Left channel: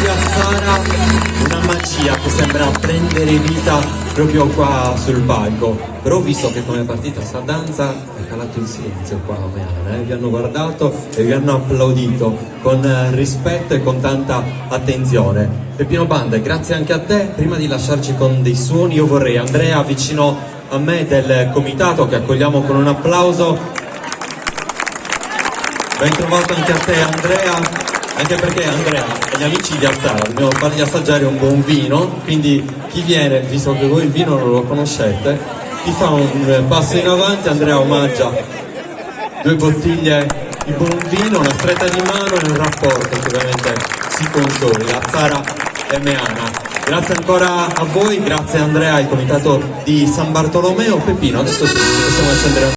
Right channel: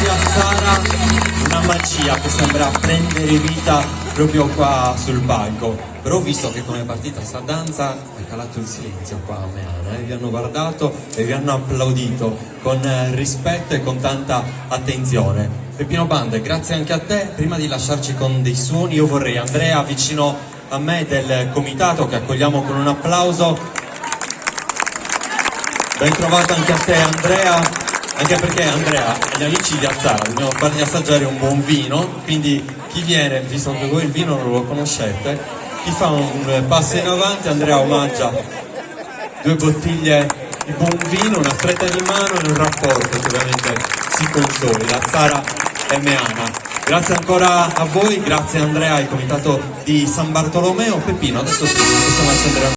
di Azzara, una magia che sembra prendere vita proprio qua sul palco. Però ho visto che come è partita sta danza è calato il silenzio qua a Meana, vi hanno guardato e vi hanno applaudito con rispetto e con tanta attenzione. Peppino Bande, grazie anche a te. Prima di lasciarci con dei suoni, io vorrei Andrea vicino a me del comitato che accogliamo con un applauso. Ben trovato anche a te Andrea, anche perché Andrea e gli amici di Azzara dobbiamo fargli assaggiare un buon vino, quindi chi viene, visto che voi il vino non lo conoscete, chi fa un passo in avanti, Andrea omaggia 2 bottiglie di buon vino, una stretta di mano e un rapporto che ovviamente si consolida, Azzara e Meana. Grazie ancora a voi, grazie Andrea, al comitato di San Bartolomeo. Peppino, adesso sì, possiamo accendere